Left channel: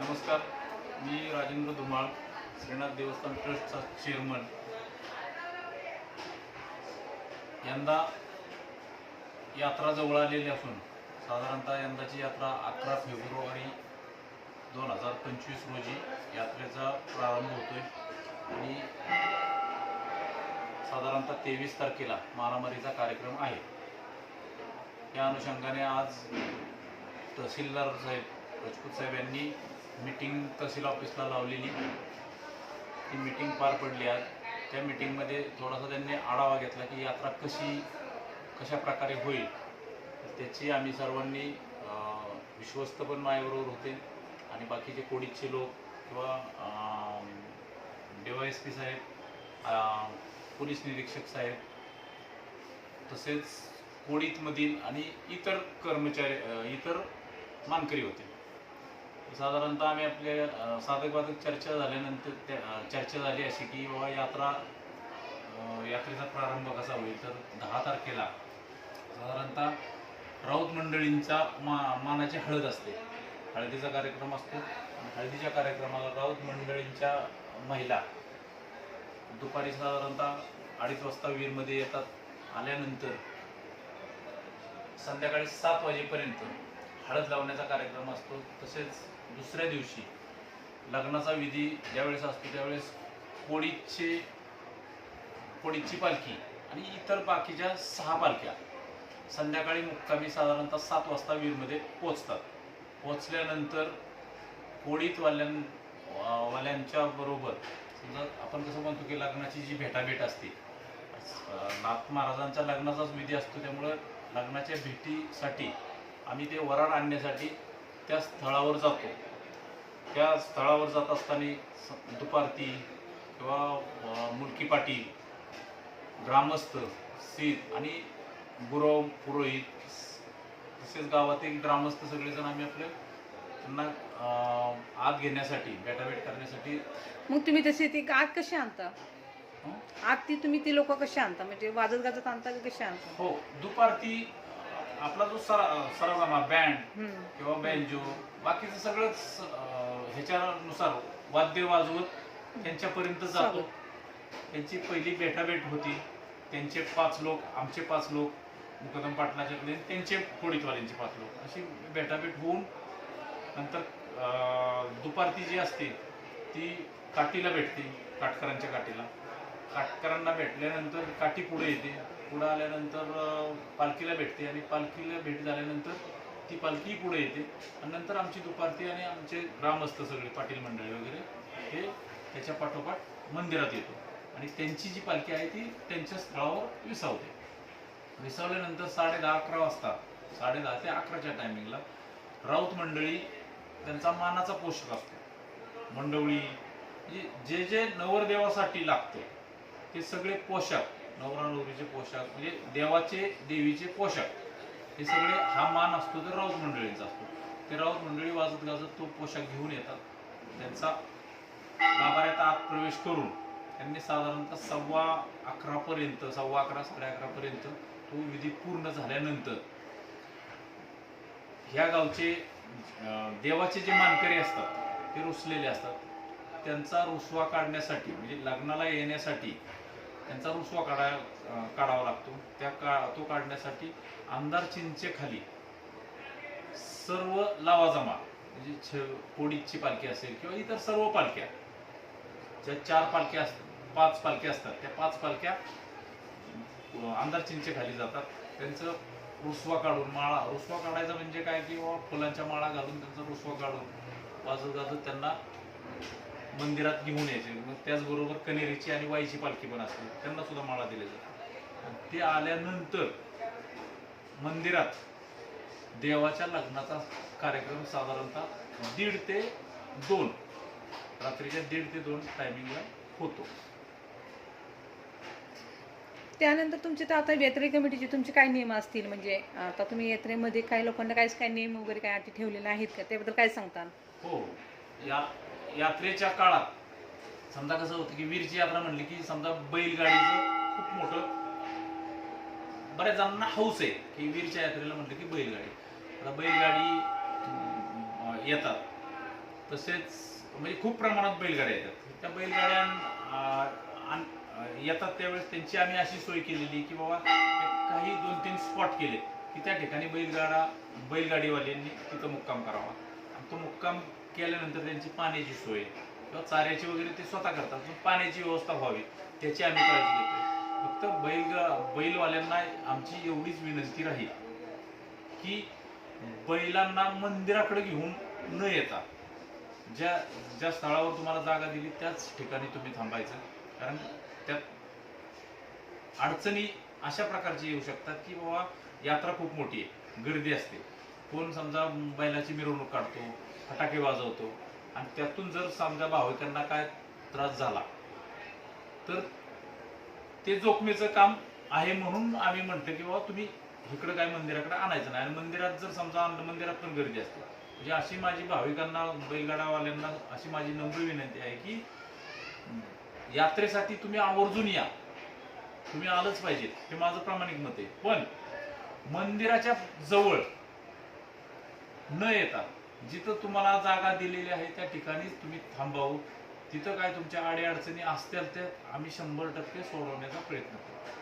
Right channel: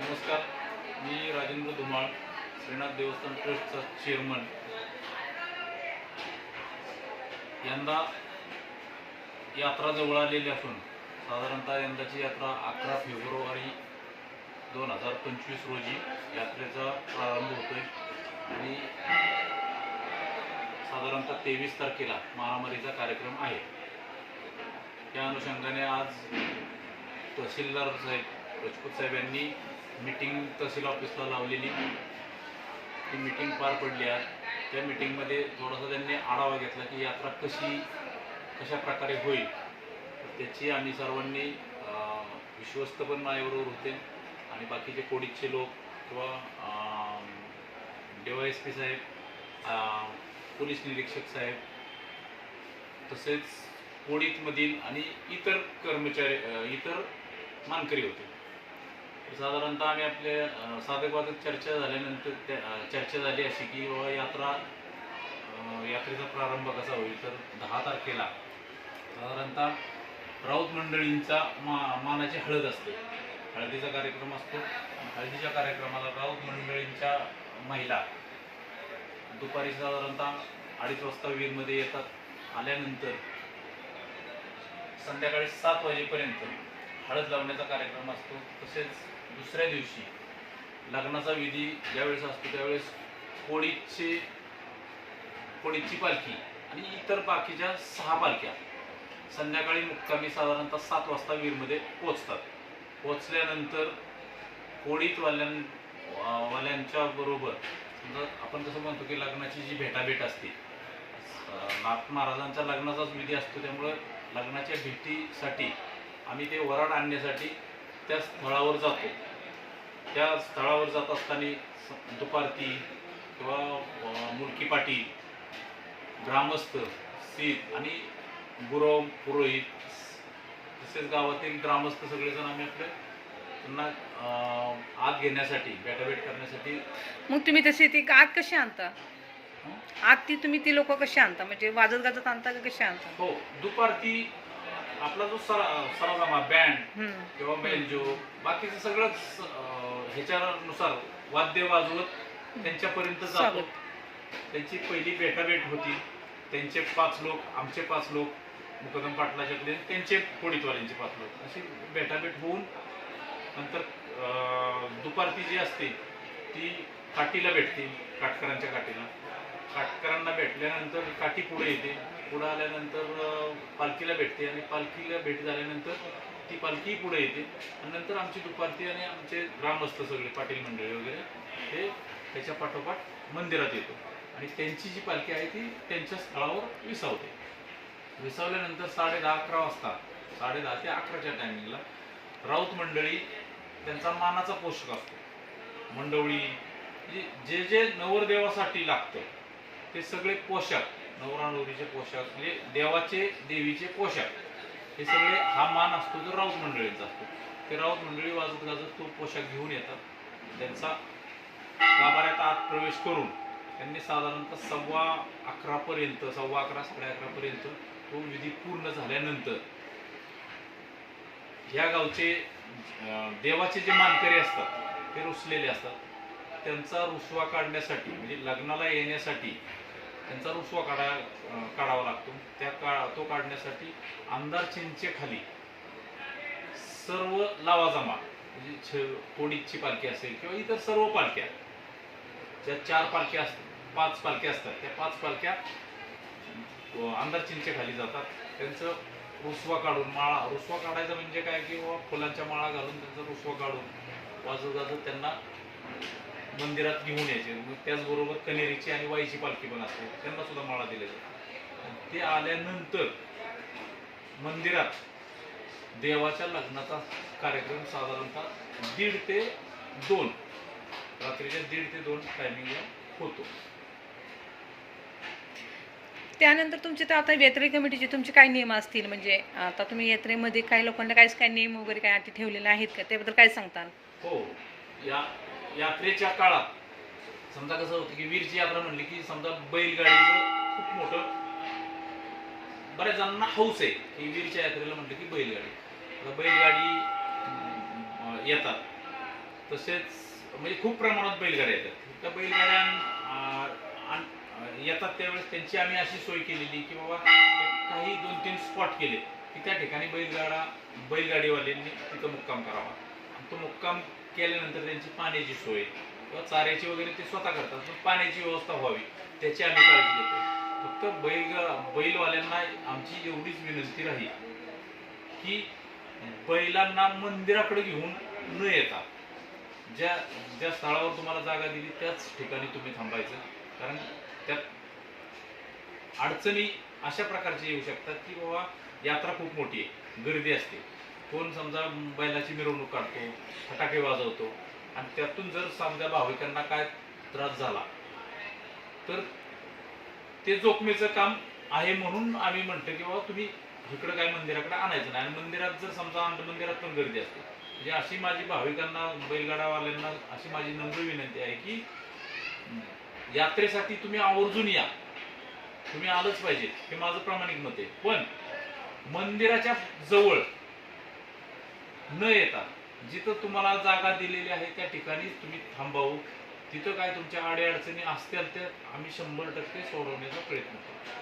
नमस्कार. मी राजेंद्र धुमाळ श्रीनाथ देवस्थान ट्रस्टचा चेअरमन यंदा यात्रा जवळ आलेली असून साधारणतः यंदाची यात्रा अकरा फेब्रुवारी दोन हजार पंचवीस रोजी यात्रेचा प्रारंभ होतोय. आणि साधारणतः तेवीस तारखेला मारामारीचा कार्यक्रम आहे. या अनुषंगाने आज तहसीलदार साहेब राजपूत साहेब यांनी मीटिंग तहसील ऑफिसला लावलेली. ती मीटिंग पार पडली आज. त्या मीटिंगमध्ये थोडासा त्यांनी आढावा घेतला की यात्रा कशी कशा प्रकारे होईल. त्याची आम्ही सर्वांनी विश्वस्त पण माझ्याबरोबर होते. आणि बाकीचे कोडीचे लोक किंवा डे वाय एस पी साहेब पोलीस निरीक्षक साहेब तसेच कोडीतमधील आणि इतर कर्मचारी इतर मानकरी होते. साधारणतः आम्ही आपल्या साधकबाधक चर्चा झाल्यानंतर त्या चर्चा झाली अशी की बाबा यात्रा यात्रेचा प्रारंभ कसा होईल? तर दहा तारखेला साधारणतः राऊत मंडळींचा मा मानाची हळद असते. हळदीचा कार्यक्रम असतो. हळदीच्या कार्यक्रमाला राऊत मंडळींच्या महिला दुपारी साधारणतः अडीच वाजता वीरमध्ये येतात. आल्यानंतर संध्याकाळी सात वाजेपर्यंत हळद लावण्याचा कार्यक्रम असतो तसेच दुसऱ्या दिवशी लग्नाचा विधी ज्यावेळेस असतो त्यावेळेस कोळीचे कोळीची पालखी आणि इतर बाकीच्या सहा पालख्या संध्याकाळी मुक्कामी साधारणतः सात वाजता वीरमध्ये पोचतात पोचल्यानंतर कोडीतवाल्यां वा- वाल्यांच्या बरोबर समजा आपण कसं म्हणतो की लग्नाची जी भेटाभेट असते नाथ महाराजांचा लग्नाचाच विधी असतो त्यामुळे लग्नाच्या भेटीसाठी आम्ही ते वराड आणण्यासाठी त्या स्थळावर जातो. त्या स्थळावर जात असताना दुपारती किंवा मुलकी पाटील ग्रामस्थ सीत आणि गुरव पुरोहित तसेच गावातील ग्रामस्थ सगळेजण आम्ही आपले त्यांना आत घेण्यासाठी भेटाभेट करण्यासाठी मग तुम्ही तशी ती आत कशी आणता? आत ती तुम्ही ती लोक कशी आणता? म्हणजे वाजत गाजत आणता का कशी आणता? हो दुपारती आपला जो सरा सराजमा बँड. किंवा बेंजो बाकीचं सगळंच अं, ह्याच्यानुसार वाद्य वाजवत त्यांच्यापर्यंत जातो. त्यांची पहिली भेटाभेट होती. त्यांचे पाच लोक आमचे पाच लोक मुकदम पाटलाच्याकडे त्यांचे कोळीतवाल्यांचे पाच लोक. अशी भेटाभेट होऊन नंतर अं, दुपारती जी असते ती काठीला भेटते काटकरांच्या काठीला. काटकरांना भेटल्यानंतर काठी पुढे येते. पुढं आल्यानंतर पालखीला भेटते आणि पालखीला भेट झाल्यानंतर ती पालखी पुढे येते. आणि नंतर आमची दुपारती आणि आमचे ग्रामस्थ सगळे पाटील मंडळी वगैरे ते त्याच्या पाठोपाठ मंदिरात येतो. आणि त्यांची जी पालखी आहे ती त्यांच्या स्थळावर विसावते. विसावल्यानंतर साडे दहा अकरा वाजता साडे दहा ते अकराच्या टायमिंगला राऊत मंडळी त्यांचा मानाचा पोषक असतो. मंडवळी म्हणजे जे जे नवरदेवासाठी लागतं ते सगळे पोशाख नवरा नवरीचे पोशाख म्हणजे देवाचे देवीचे पोशाख. हे सगळे हा मान असतो तो राऊत मंडळींचा असतो. ते राऊत मंडळी वाजत गाजत तो पोशाख घेऊन येतात. त्यांचा गाभाऱ्यात आत प्रवेश करून त्यांनी साधारणतः सव्वा अकरापर्यंत सव्वा अकरा साडे अकरापर्यंत तो विधी पूर्ण झाल्यानंतर ह्या गावचे देवाचे जे मानकरी असतात ते रुसलेले असतात. त्यांचा रुसवा काढण्यासाठी म्हणजे लग्नाला येण्यासाठी त्यांचा रुसवा काढा काढावा लागतो. त्या का तो काढण्यासाठी आमदार चिंचेखाली सर्व लावाजमा म्हणजे छ कोडीची पालखी असेल किंवा इतर सर्व पालख्या ज्या चार पालख्या असतात पाच पालख्या असतात त्या पाच पालख्या आमदार चिंचेखाली जातात. त्यांचं रुसवा काढून माळा रुसवा काढायचा म्हणजे काय? की फुलांच्या माळा घालून त्यांचा रुसवा काढून वाजत गाजत त्यांना मंदिरात घेऊन यायचे. मग त्याचबरोबर कनेरीची आणि वाईची पालखी पण असते. त्यांना सुद्धा माळा आणि ते आल्यानंतर मंदिरात देवाच्या लग्नाचा कार्यक्रम साधारणतः दीड ते दोन रात्रीच्या दीड ते दोन टायमिंगला होतो. त्यानंतर तुमचे तर आता यात्रे कमिटीचे तुमचे काय नियम असतील? म्हणजे आता तुम्ही यात्रेमध्ये काही लोकांना काय काय नियम वगैरे काय अटी ठेवलेले आहेत का? त्याबद्दल काय सांगता हो. या यात्रेच्या काळात समजा कसं होतं की वीरची यात्रा म्हणली की समजा बैलगाडीचं खूप मोठं बऱ्याच जणांना हौस आहे की वीरच्या यात्रेला म्हटलं की बैलगाडी. आता बैलगाडी येतात. तसेच म्हणजे खूप प्रमाणात बैलगाड्या येतात. त्या बैलगाड्या येतात त्यावेळेस त्यांची आम्ही अशी सोय केलेली की बाबा काही दोन तीन स्पॉट केले की त्या ठिकाणी बैलगाडा बैलगाडीवाल्यांनी तिथं मुक्काम करावा. तो मुक्काम केल्यानंतर त्यांची पाण्याची सोय किंवा चाऱ्याची वगैरे ते स्वतः करतात पण पाण्याची व्यवस्था व्हावी त्याची आम्ही काळजी घेतो फक्त बैल बैलवाल्यांना आमची एवढीच विनंती राहील की बैलांना मंदिराकडे घेऊन न येता ज्या ज्या स्थळावर तुम्हाला जागा दिली त्याच ठिकाणी तुम्ही थांबायचं. कारण त्यात अडचणी अशा प्रकारची येऊ शकतात की बाबा यात्रा खूप मोठी आहे गर्दी असते. कोण समजा बैलाची मिरवणूक काढतो फटाके वाजवतो आणि त्यातून जर समजा भाविकांना काय त्रास झाला तर ते जोखमीचं काम आहे म्हणून आम्ही म्हणतो की बाबा तुम्ही इकडं काय मंदिराकडे आणायचं नाही. आणि मंदिरात जर समजा अंध मंदिरात पण गर्दी असते. म्हणजे अशी माझी भाविकांना बैलगाडावाल्यांना अशी माझी नम्र विनंती आहे की यात्रेसाठी तुम्ही आवर्जून या. तुम्ही आलंच पाहिजे. हे माझं प्रामाणिक मत आहे. पण मंदिराच्या जवळ न येता जिथं तुम्हाला जागा दिलेली आहे त्या ठिकाणीच तुम्ही थांबावं. तिथं काय तुमच्या अडीअडचणी असतील तर आम्ही शंभर टक्के सोडवण्याचा प्रयत्न करू.